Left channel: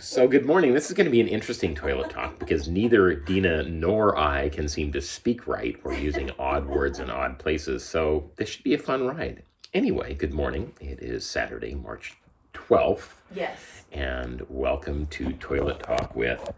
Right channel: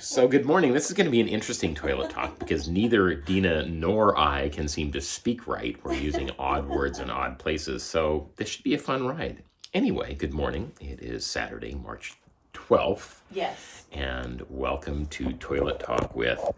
So, good morning. This is going to be an interesting toilet talk because neither Dina nor I can seem to speak right. We're using odd words in odd places. So, this should be a fun ride. Anyway, good morning. It is Saturday, March 12th. Yes. And welcome to Toilet Talk with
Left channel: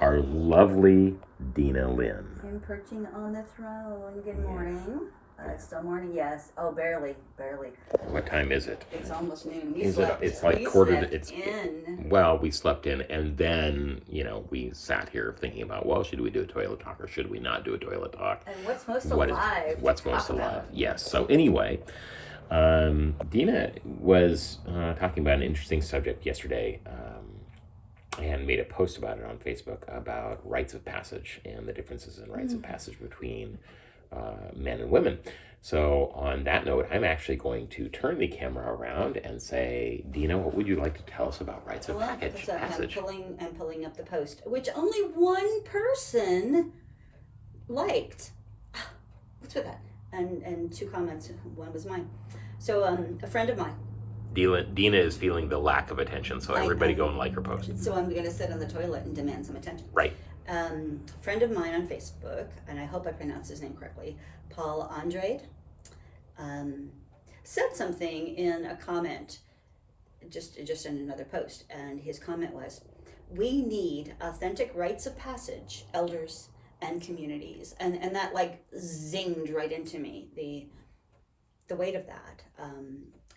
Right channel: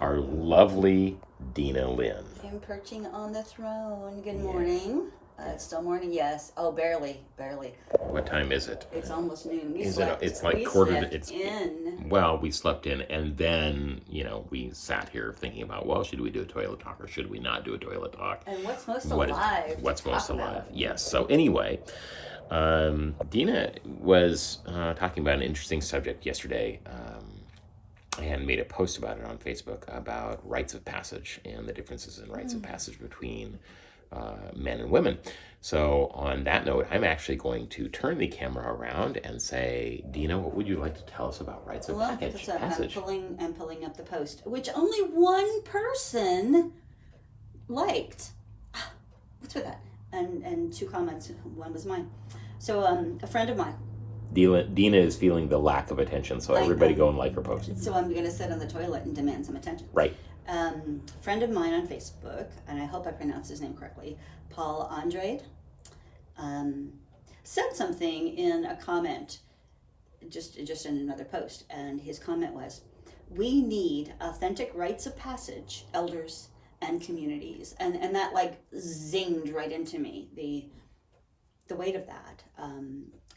our lovely Dina Lynn. I'm perching on the throne. Good morning. It's still morning, yes. Oh, barely. What time is it? It's almost noon. It's like well, we slept in, and then we sat here thinking about, well, should we do a toilet talk or should we not do a toilet talk? And what's most alive? What's most alive? Yes. So anyway, Dina was talking about an interesting subject yesterday. And made a post about it on Facebook about rites of passage and the differences in rites of passage between men and women. So on that note, I'm actually going to turn the camera around and say, Dina, what would you like to tell us about rites of passage? I'm pulling up the post, which only one person liked. What's with that? And 2 comments. One was mine. So a friend of mine. Dina is feeling the lack of attention, so everybody go and like her post. So I'm going to sit on the toilet and demand some attention. Right. Friend of mine on Facebook, and I hope I pronounced his name correctly, Paul Andrade, said something in a comment, just in another post, and his comment was, "We need authentic rites of passage, elders and communities," and that like zinged right into me, the weight of that.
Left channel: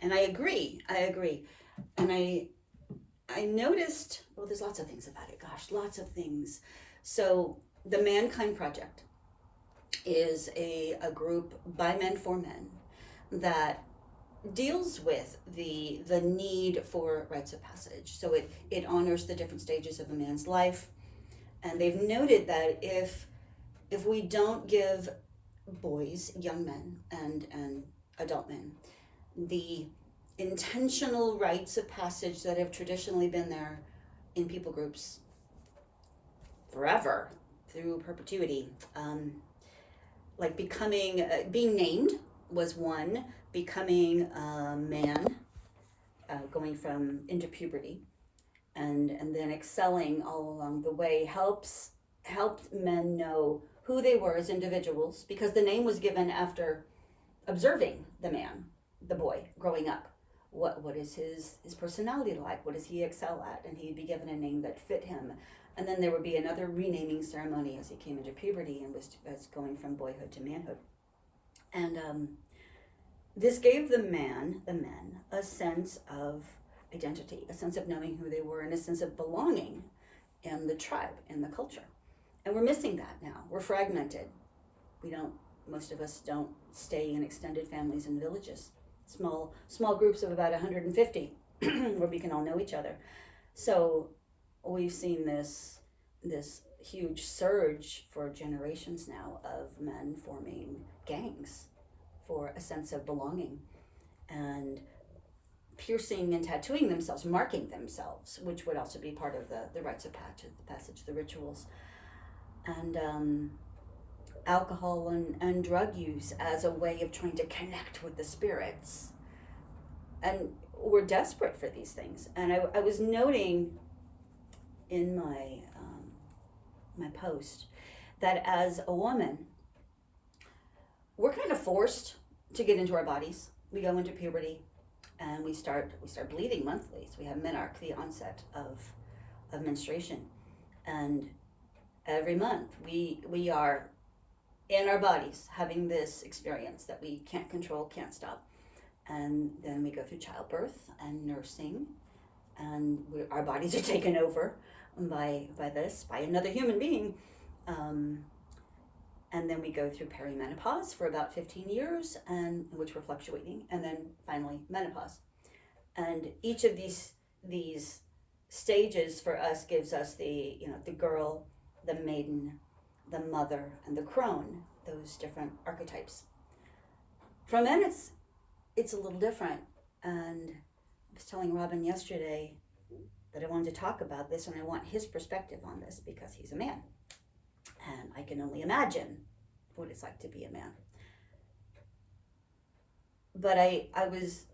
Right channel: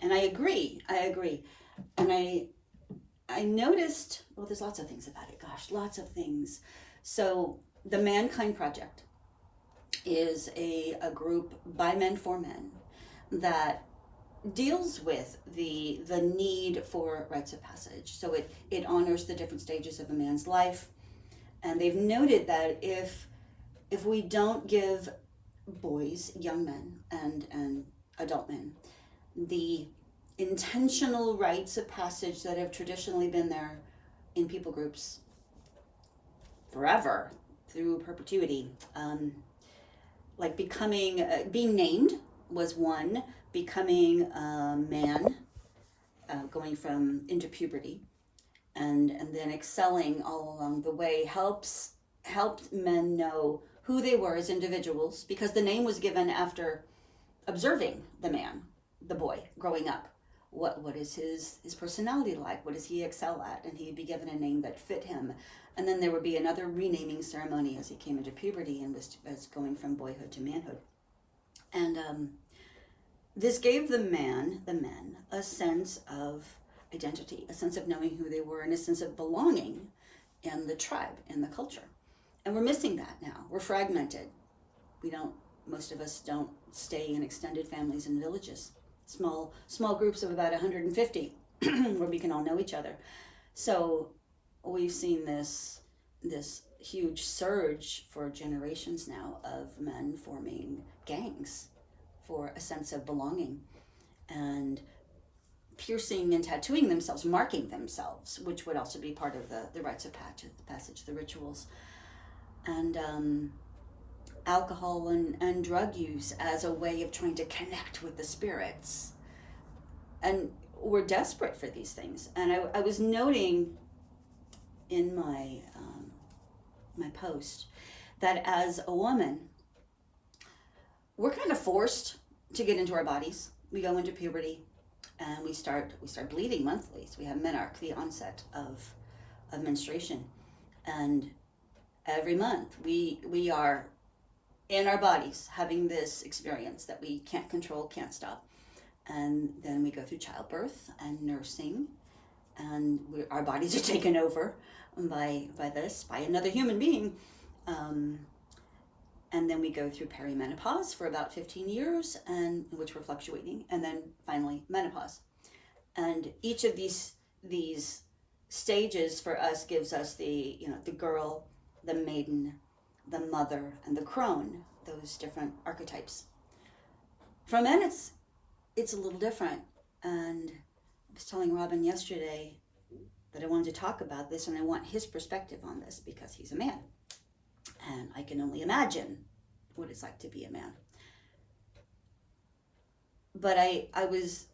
And I agree. And I noticed, well, there's lots of things about it. Gosh, lots of things. So the Mankind Project is a group by men for men that deals with the need for rites of passage. So it honors the different stages of a man's life. And they've noted that if we don't give boys, young men, and adult men, the intentional rites of passage that have traditionally been there in people groups forever, through perpetuity, like becoming, being named was one, becoming a man, going from into puberty, and then excelling all along the way helped men know who they were as individuals, because the name was given after observing the man, the boy growing up. What is his personality like? What does he excel at? And he'd be given a name that fit him. And then there would be another renaming ceremony as he came into puberty and was going from boyhood to manhood. And this gave the men a sense of identity, a sense of knowing who they were, and a sense of belonging in the tribe, in the culture. And we're missing that now. We're fragmented. Most of us don't stay in extended families and villages, small groups of about 150 where we can all know each other. So we've seen this huge surge for generations now of men forming gangs for a sense of belonging and piercing and tattooing themselves, marking themselves, which would also be part of the rites of passage, the rituals. And alcohol and drug use as a way of trying to connect with the spirits. And we're desperate for these things. And I was noting in my my post that as a woman, we're kind of forced to get into our bodies. We go into puberty and we start bleeding monthly. So we have menarche, the onset of menstruation. And every month we are in our bodies having this experience that we can't control, can't stop. And then we go through childbirth and nursing, and our bodies are taken over by another human being. And then we go through perimenopause for about 15 years, and which we're fluctuating, and then finally menopause. And each of these stages for us gives us the girl, the maiden, the mother, and the crone, those different archetypes. For men, it's a little different. And I was telling Robin yesterday that I wanted to talk about this, and I want his perspective on this because he's a man. And I can only imagine what it's like to be a man. But I was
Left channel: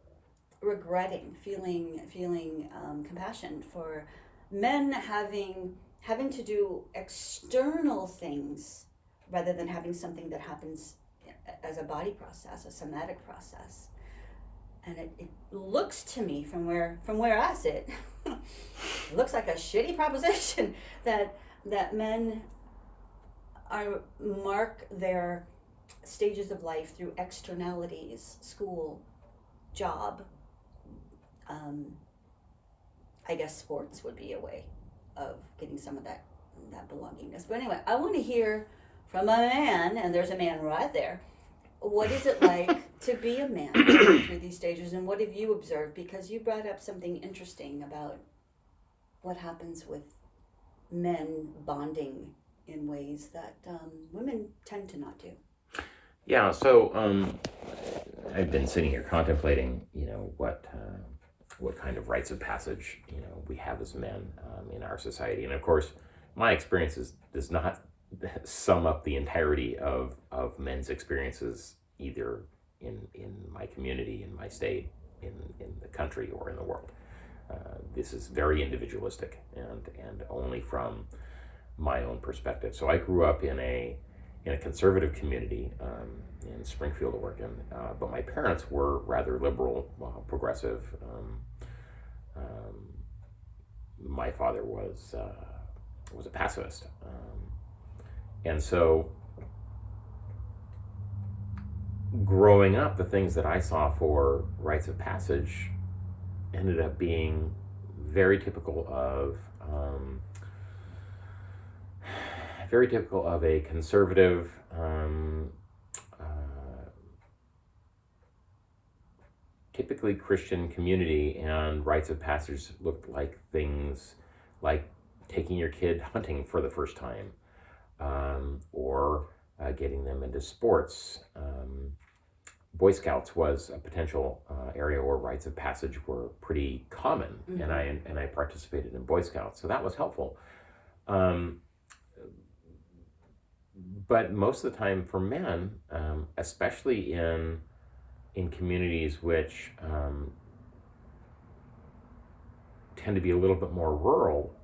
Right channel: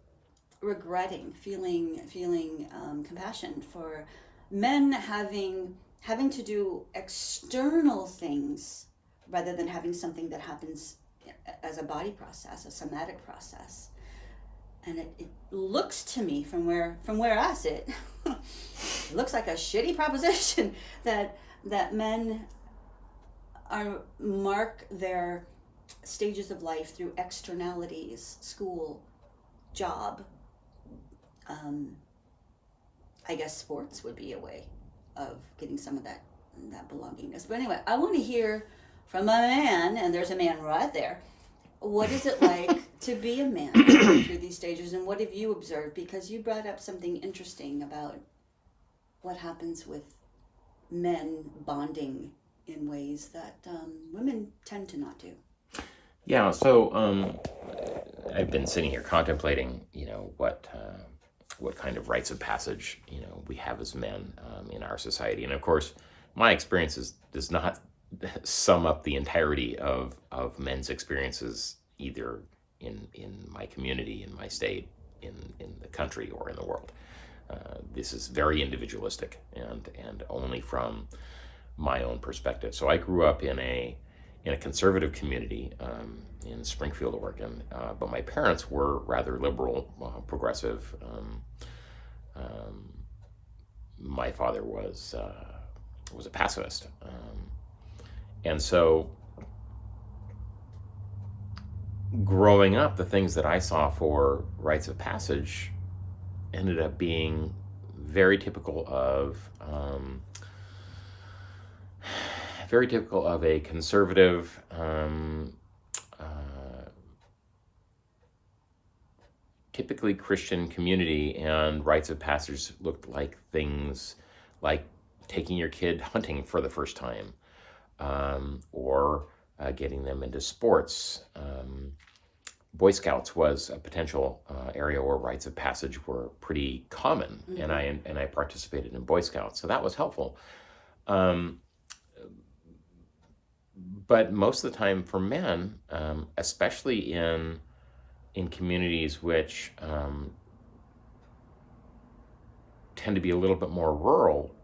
regretting, feeling compassion for men having to do external things rather than having something that happens as a body process, a somatic process. And it looks to me from where I sit, it looks like a shitty proposition that men mark their stages of life through externalities, school, job. I guess sports would be a way of getting some of that belongingness. But anyway, I want to hear from a man, and there's a man right there. What is it like to be a man through these stages, and what have you observed? Because you brought up something interesting about what happens with men bonding in ways that women tend to not do. Yeah, so I've been sitting here contemplating, what kind of rites of passage, we have as men in our society. And of course, my experiences does not sum up the entirety of men's experiences either in my community, in my state, in the country, or in the world. This is very individualistic and only from my own perspective. So I grew up in a conservative community in Springfield, Oregon, but my parents were rather liberal, progressive. My father was a pacifist, and so growing up, the things that I saw for rites of passage ended up being very typical of a conservative, typically Christian community, and rites of passage looked like things like taking your kid hunting for the first time, or getting them into sports. Boy Scouts was a potential area where rites of passage were pretty common, mm-hmm. and I participated in Boy Scouts, so that was helpful. But most of the time for men, especially in communities which tend to be a little bit more rural,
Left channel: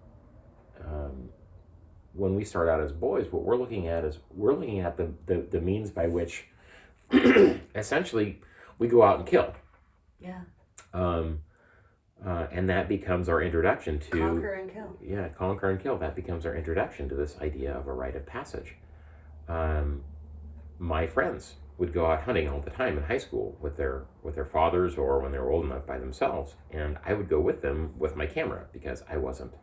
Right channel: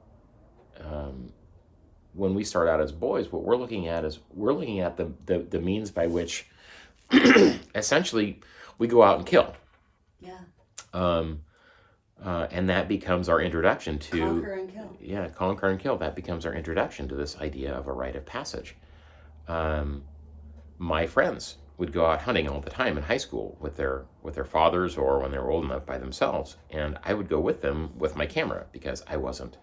when we start out as boys, what we're looking at the means by which essentially we go out and kill. Yeah. And that becomes our introduction to conquer and kill. Yeah, conquer and kill. That becomes our introduction to this idea of a rite of passage. My friends would go out hunting all the time in high school with their fathers, or when they were old enough by themselves, and I would go with them with my camera because I wasn't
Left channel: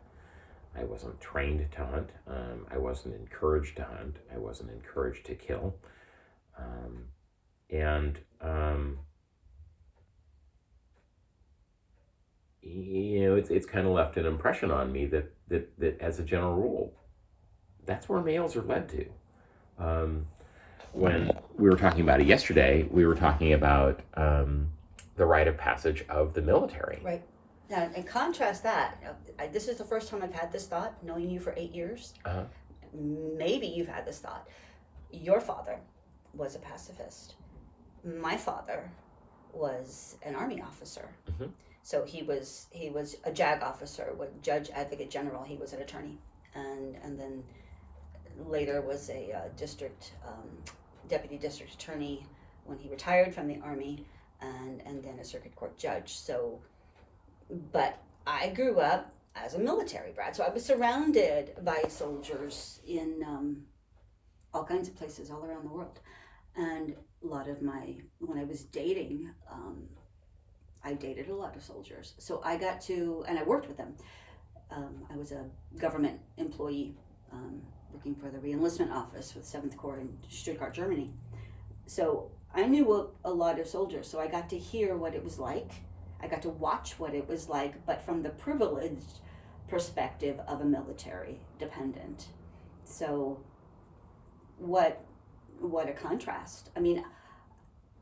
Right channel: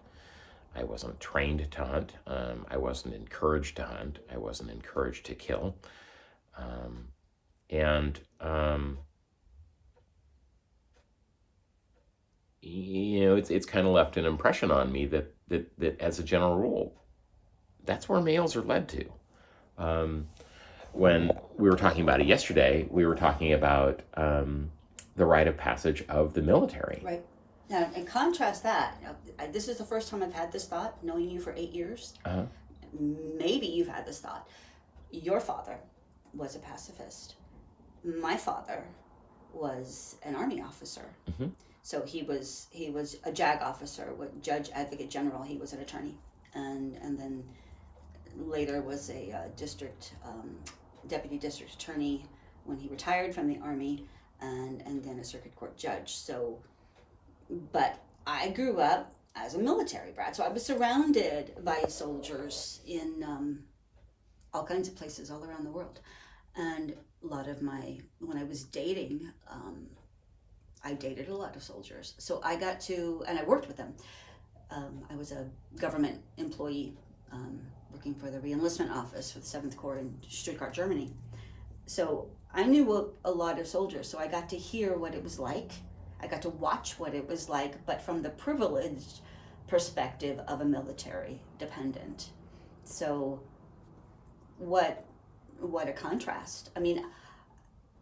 trained to hunt. I wasn't encouraged to hunt. I wasn't encouraged to kill. It's kind of left an impression on me that as a general rule, that's where males are led to. When we were talking about it yesterday, we were talking about the rite of passage of the military. Right. Now, in contrast that, this is the first time I've had this thought, knowing you for 8 years. Maybe you've had this thought. Your father was a pacifist. My father was an Army officer. Mm-hmm. So he was a JAG officer, Judge Advocate General. He was an attorney, and then later was a deputy district attorney when he retired from the Army, and then a circuit court judge. So, but I grew up as a military brat, so I was surrounded by soldiers in all kinds of places all around the world. And a lot of when I was dating, I dated a lot of soldiers. So I got to, and I worked with them. I was a government employee working for the re-enlistment office for the 7th Corps in Stuttgart, Germany. So I knew a lot of soldiers, so I got to hear what it was like. I got to watch what it was like, but from the privileged perspective of a military dependent. So what a contrast. I mean,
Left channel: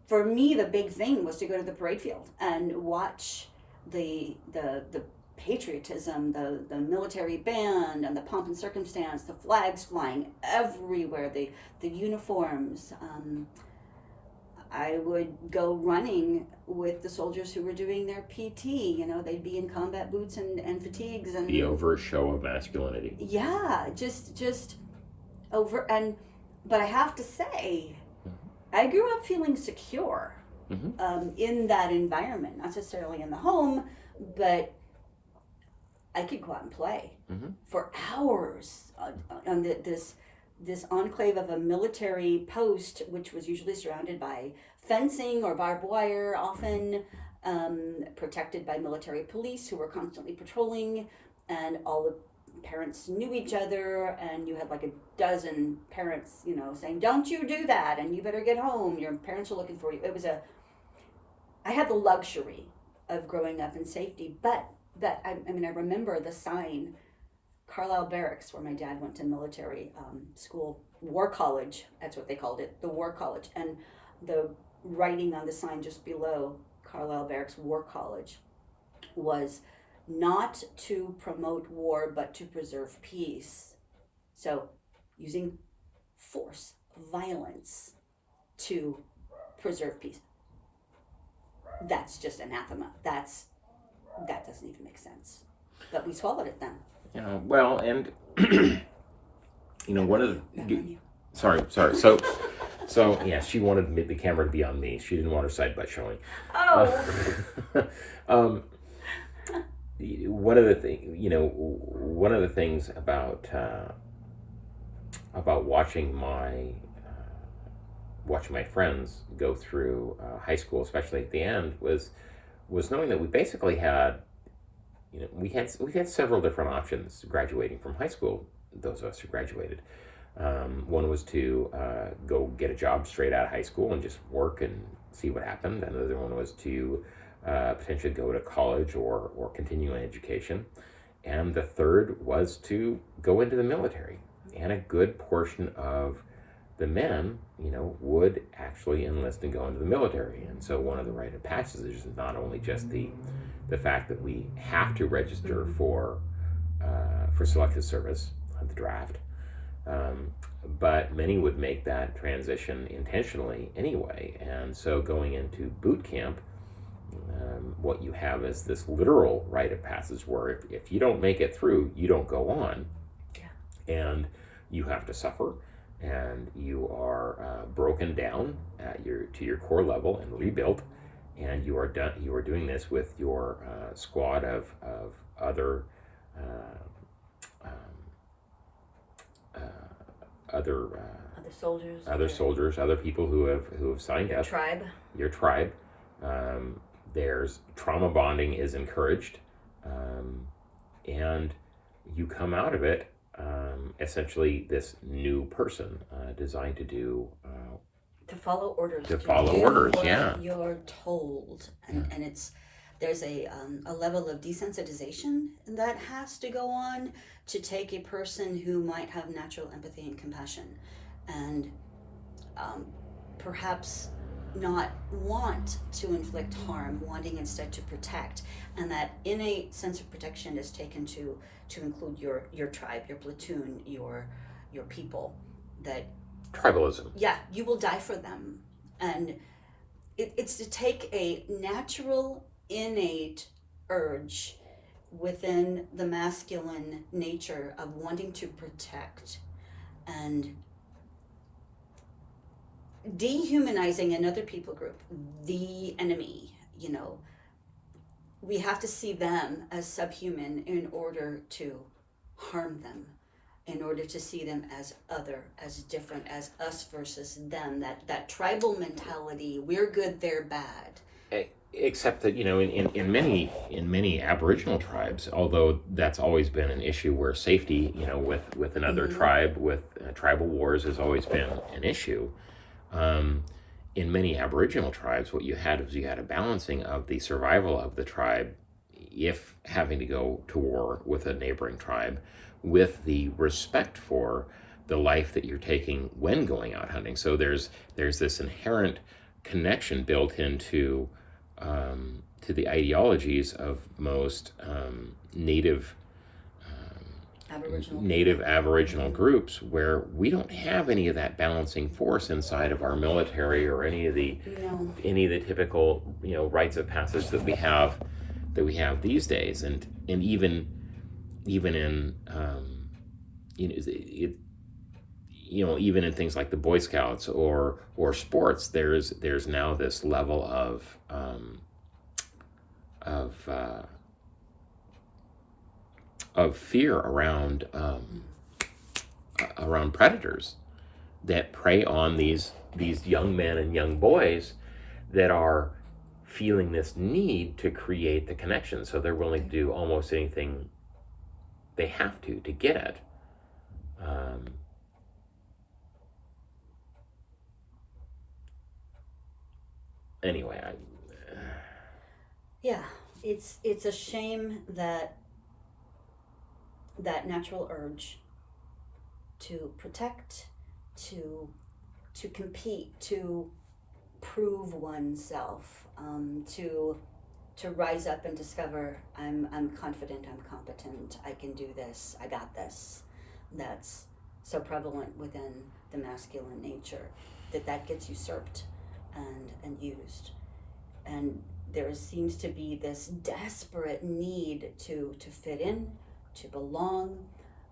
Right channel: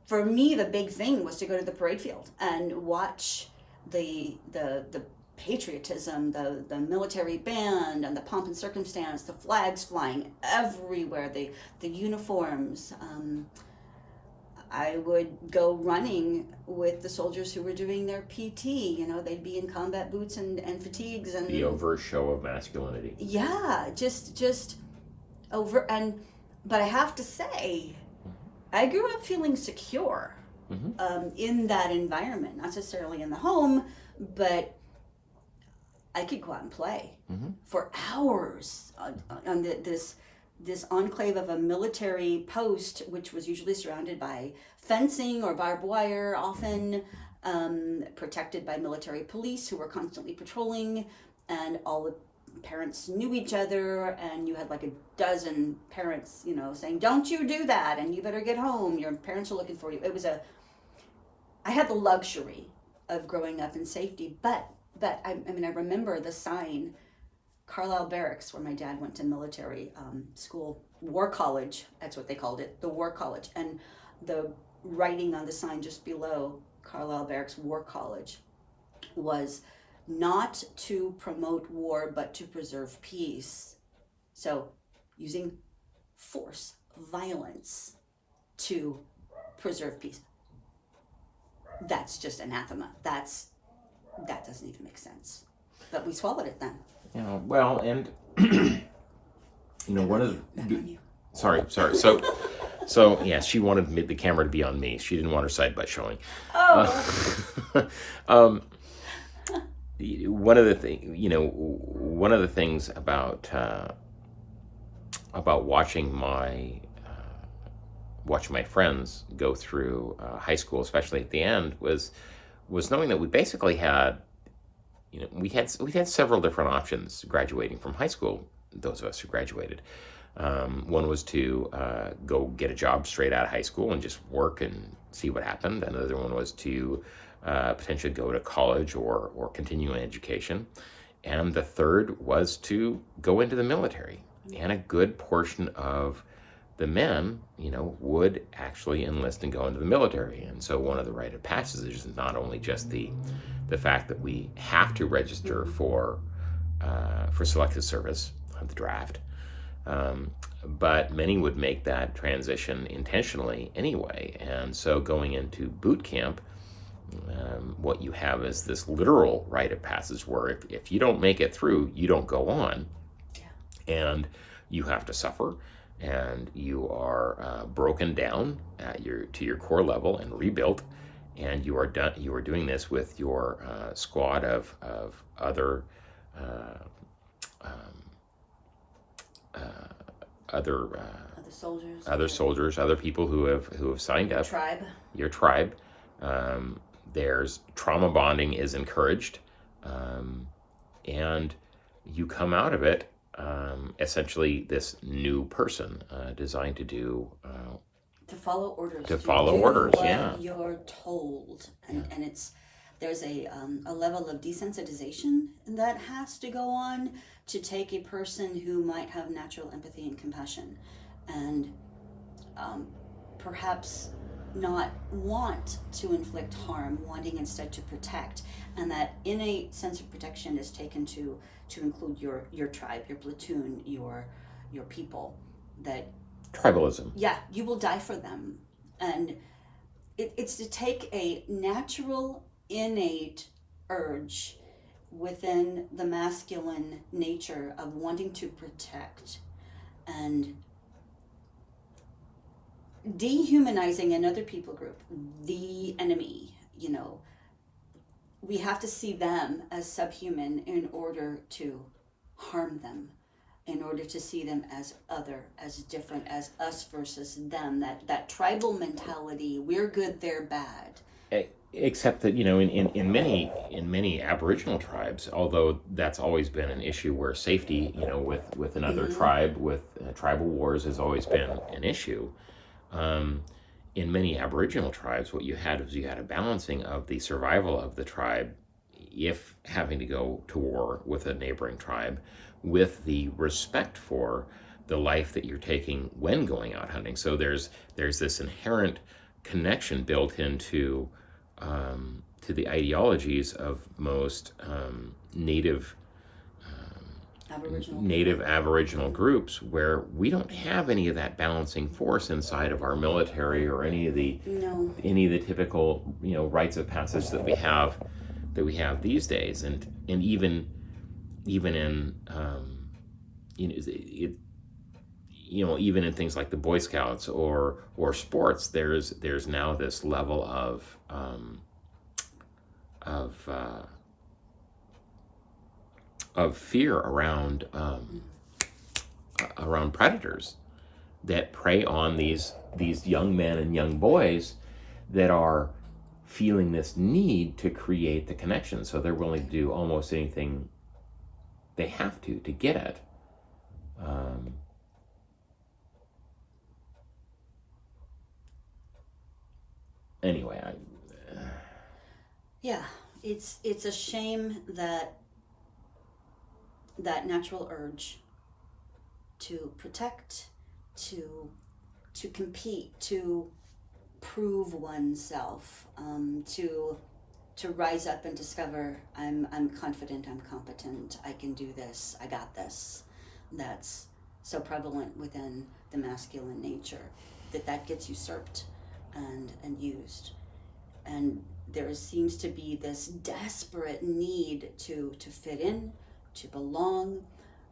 for me, the big thing was to go to the parade field and watch the patriotism, the military band, and the pomp and circumstance, the flags flying everywhere, the uniforms. I would go running with the soldiers who were doing their PT. They'd be in combat boots and fatigues and The overt show of masculinity. yeah, just over. But I have to say, I grew up feeling secure in that environment, not necessarily in the home, but I could go out and play for hours on this enclave of a military post, which was usually surrounded by fencing or barbed wire, often protected by military police who were constantly patrolling, and all the parents knew each other, and you had like a dozen parents, saying, "Don't you do that, and you better get home. Your parents are looking for you." I had the luxury of growing up in safety, but I remember the sign, Carlisle Barracks, where my dad went to military school, War College, that's what they called it, the War College, and the writing on the sign just below Carlisle Barracks War College was not to promote war, but to preserve peace. So using force, violence to preserve peace. That's just anathema. That doesn't even make sense. But we swallowed it then. Well, and one of the sorry. So yeah, she wanted the camera to be on me. She didn't want her side butt showing. One of the things about watching my friends go through high school, especially at the end, was knowing that we basically had, we had several different options graduating from high school. Those of us who graduated, one was to go get a job straight out of high school and just work and see what happened. Another one was to potentially go to college or continue an education, and the third was to go into the military. And a good portion of the men, would actually enlist and go into the military. And so one of the rite of passage is not only just the fact that we have to register for selective service, the draft, but many would make that transition intentionally anyway. And so going into boot camp, what you have is this literal rite of passage where if you don't make it through, you don't go on, and you have to suffer, and you are broken down to your core level and rebuilt, and you are doing this with your squad of other soldiers, other people who have signed up. Your tribe. There's trauma bonding is encouraged, and you come out of it essentially this new person designed to do to follow orders. Yeah. You're told, and there's a level of desensitization that has to go on to take a person who might have natural empathy and compassion, and perhaps not want to inflict harm, wanting instead to protect, and that innate sense of protection is taken to include your tribe, your platoon, your people. That tribalism. Yeah, you will die for them, and it's to take a natural, innate urge within the masculine nature of wanting to protect and dehumanizing another people group, the enemy. We have to see them as subhuman in order to harm them, in order to see them as other, as different, as us versus them, that tribal mentality, we're good, they're bad. Except that, in many Aboriginal tribes, although that's always been an issue where safety, with another tribe, with tribal wars has always been an issue. In many Aboriginal tribes, what you had was a balancing of the survival of the tribe, if having to go to war with a neighboring tribe, with the respect for the life that you're taking when going out hunting. So there's this inherent connection built into to the ideologies of most native Aboriginal native people. Aboriginal groups where we don't have any of that balancing force inside of our military or any of the No. typical rites of passage that we have these days, and even in it, even in things like the Boy Scouts or sports, there's now this level of uh, of fear around predators that prey on these young men and young boys that are feeling this need to create the connection, so they're willing to do almost anything they have to get it. Anyway, Yeah, it's a shame that that natural urge to protect, to compete, to prove oneself, to rise up and discover I'm confident, I'm competent, I can do this, I got this. That's so prevalent within the masculine nature that gets usurped and used. And there seems to be this desperate need to fit in, to belong,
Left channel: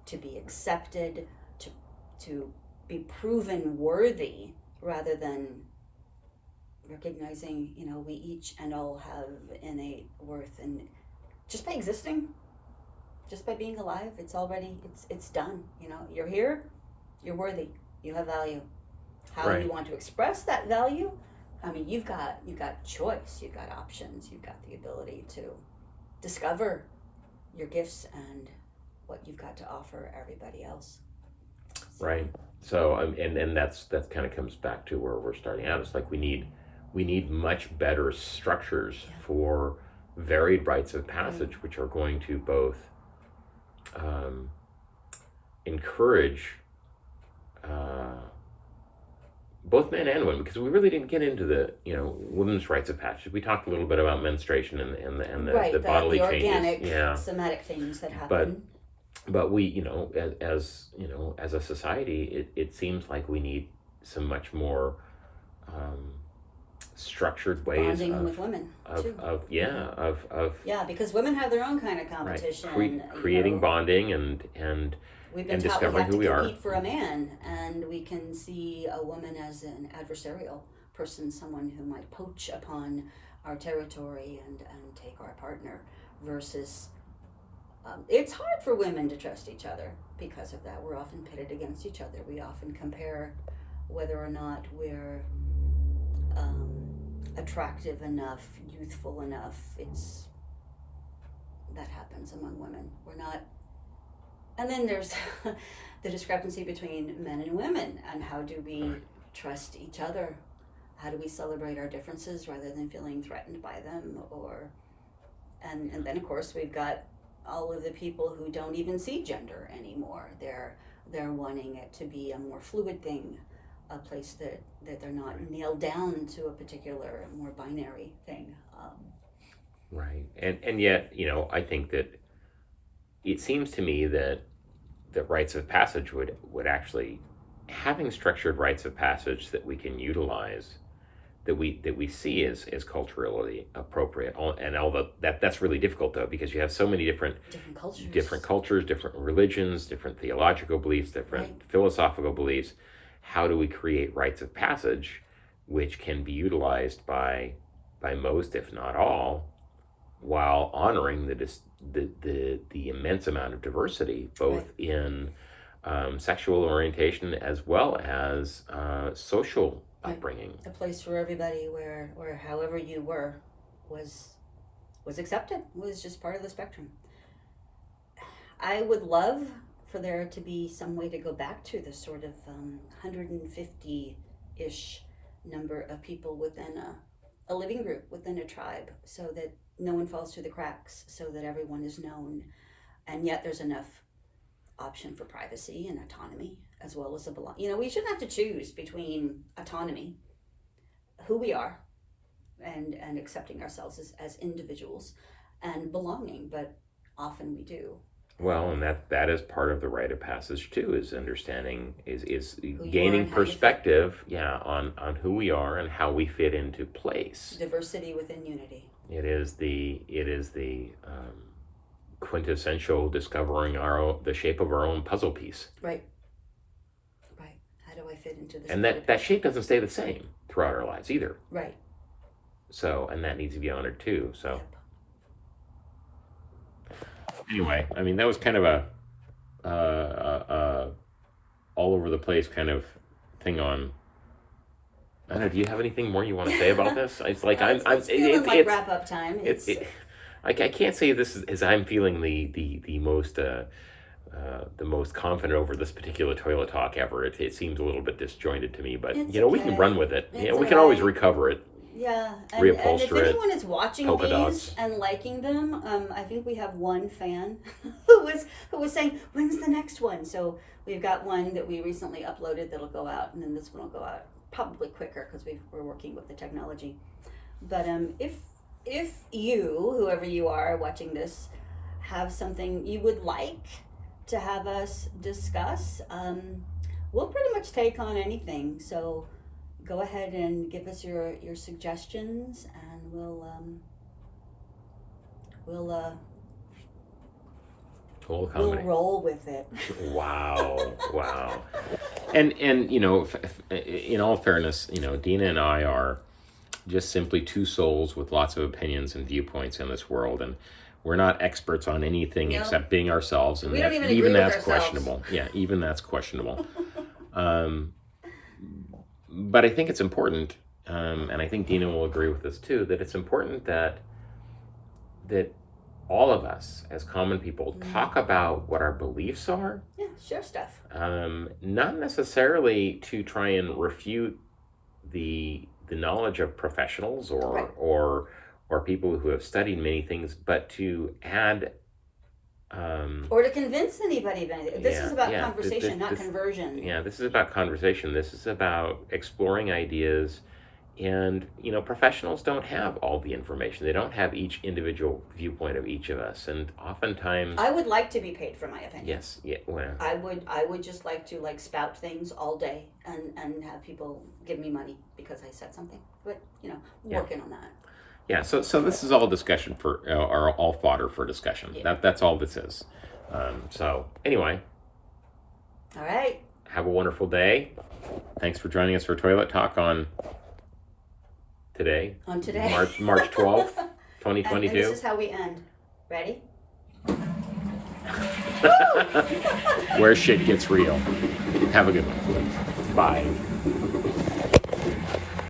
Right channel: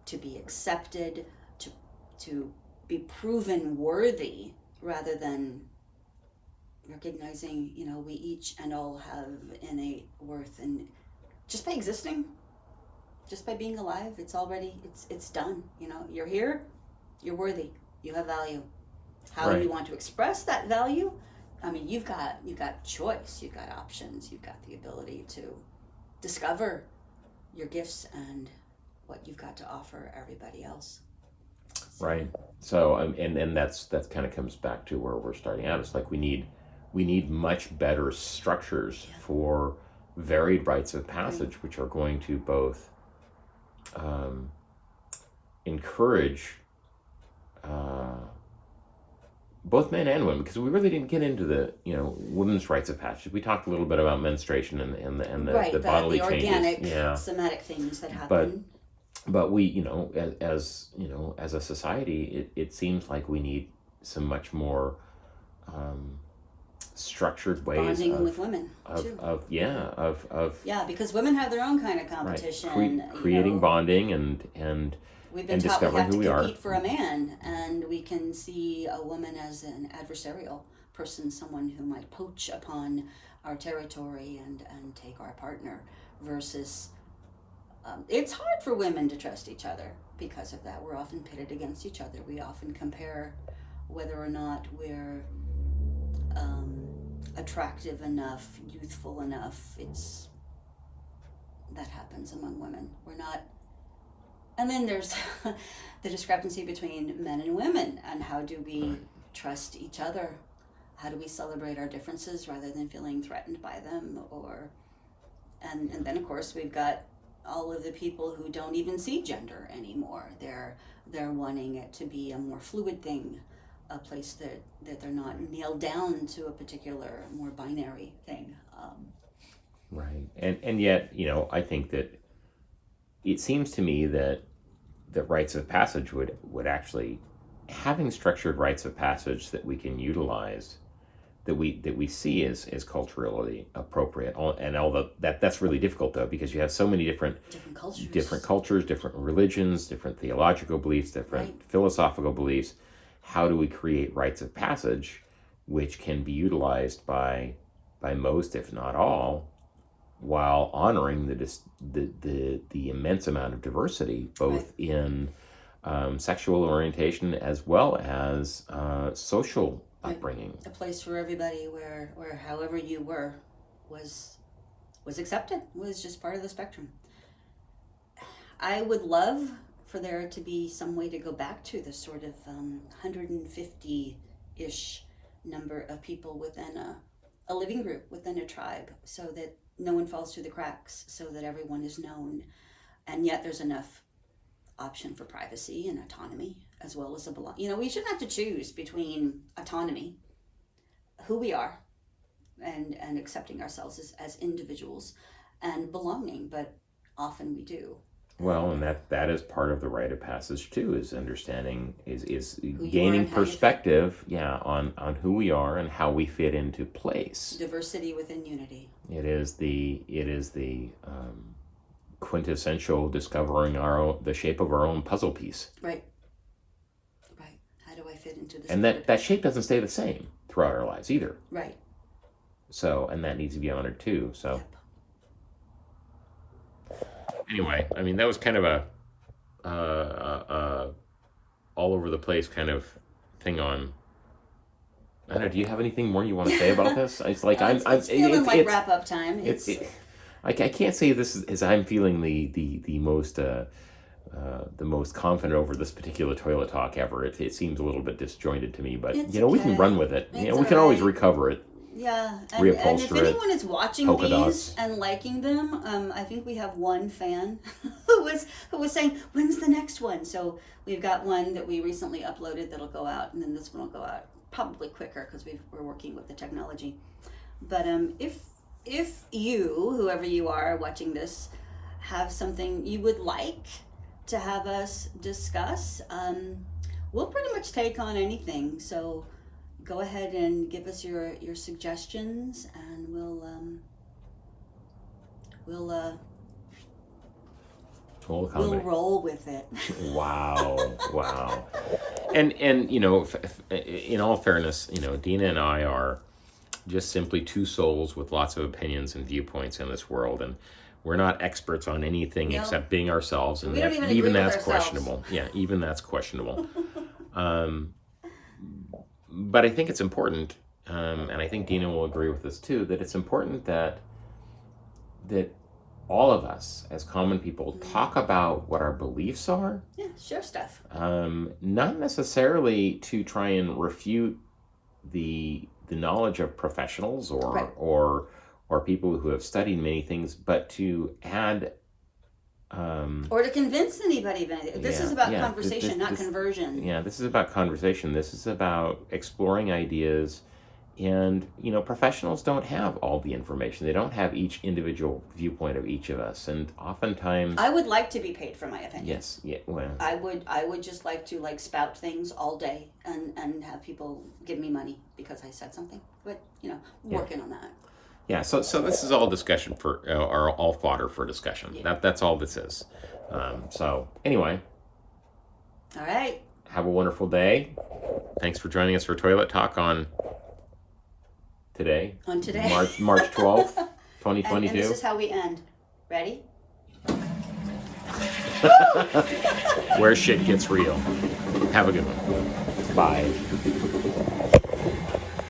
to be accepted, to to be proven worthy, rather than recognizing, we each and all have innate worth, and just by existing, just by being alive, it's done. You're here, you're worthy, you have value. How right. you want to express that value, I mean, you've got choice, you've got options, you've got the ability to discover your gifts and what you've got to offer everybody else. Right. So and that's kind of comes back to where we're starting out. It's like we need much better structures for varied rites of passage, which are going to both encourage both men and women, because we really didn't get into the women's rites of passage. We talked a little bit about menstruation and the bodily the organic, changes, somatic things that happen. But we, as as a society, it seems like we need some much more structured ways bonding with women too. Because women have their own kind of competition. Right. Creating bonding and we've been taught we have to compete for a man, and we can see a woman as an adversarial person, someone who might poach upon our territory and take our partner, versus it's hard for women to trust each other because of that. We're often pitted against each other. We often compare whether or not we're attractive enough, youthful enough. That happens among women. We're not. And then there's the discrepancy between men and women, and how do we trust each other? How do we celebrate our differences rather than feeling threatened by them? And then of course we've got all of the people who don't even see gender anymore. They're wanting it to be a more fluid thing, a place that they're not nailed down to a particular more binary thing. Right, and yet I think that it seems to me that rites of passage would actually, having structured rites of passage that we can utilize, that we see as culturally appropriate. And although that's really difficult, though, because you have so many different cultures, different religions, different theological beliefs, different philosophical beliefs. How do we create rites of passage which can be utilized by most, if not all, while honoring the immense amount of diversity, both in sexual orientation as well as social upbringing. A place for everybody where however you were was accepted, was just part of the spectrum. I would love for there to be some way to go back to the sort of 150-ish number of people within a living group, within a tribe, so that no one falls through the cracks, so that everyone is known, and yet there's enough option for privacy and autonomy, as well as a belong. We shouldn't have to choose between autonomy, who we are, and accepting ourselves as individuals, and belonging, but often we do. Well, and that is part of the rite of passage too, is understanding, is Who you are gaining and how you fit. perspective, on who we are and how we fit into place. Diversity within unity. It is the quintessential discovering the shape of our own puzzle piece. Right. Right. How do I fit into this? And that shape doesn't stay the same throughout our lives either. Right. So, and that needs to be honored too. So. Yep. Anyway, I mean, that was kind of a all over the place kind of thing on. I don't know. Do you have anything more you want to say about this? It's like it's feeling like wrap up time. I can't say this is I'm feeling the most confident over this particular toilet talk ever. It seems a little bit disjointed to me, but It's we can okay. run with it. It's We can always alright. recover it. Yeah, and if Reupholster it, anyone is watching polka these dots. and liking them, I think we have one fan who was saying, "When's the next one?" So we've got one that we recently uploaded that'll go out, and then this one will go out probably quicker because we're working with the technology. But if you, whoever you are watching this, have something you would like to have us discuss, we'll pretty much take on anything. So go ahead and give us your suggestions, and we'll roll with it. Wow. And in all fairness, Dina and I are just simply two souls with lots of opinions and viewpoints in this world, and we're not experts on anything except being ourselves, and We don't even even agree with that's ourselves. questionable. Yeah, even that's questionable. But I think it's important, and I think Dina will agree with this too, that it's important that all of us as common people talk about what our beliefs are. Yeah, share stuff. Not necessarily to try and refute the knowledge of professionals or people who have studied many things, but to add or to convince anybody of anything. This is about conversation, not this, conversion. Yeah, this is about conversation. This is about exploring ideas. And, professionals don't have all the information. They don't have each individual viewpoint of each of us. And oftentimes... I would like to be paid for my opinion. Yes, yeah, well... I would just like to spout things all day and have people give me money because I said something. But, working on that. Yeah, so this is all discussion or all fodder for discussion. Yeah. That's all this is. So, anyway. All right. Have a wonderful day. Thanks for joining us for Toilet Talk on today. On today. March 12th, 2022. And this is how we end. Ready? Where shit gets real. Have a good one. Bye.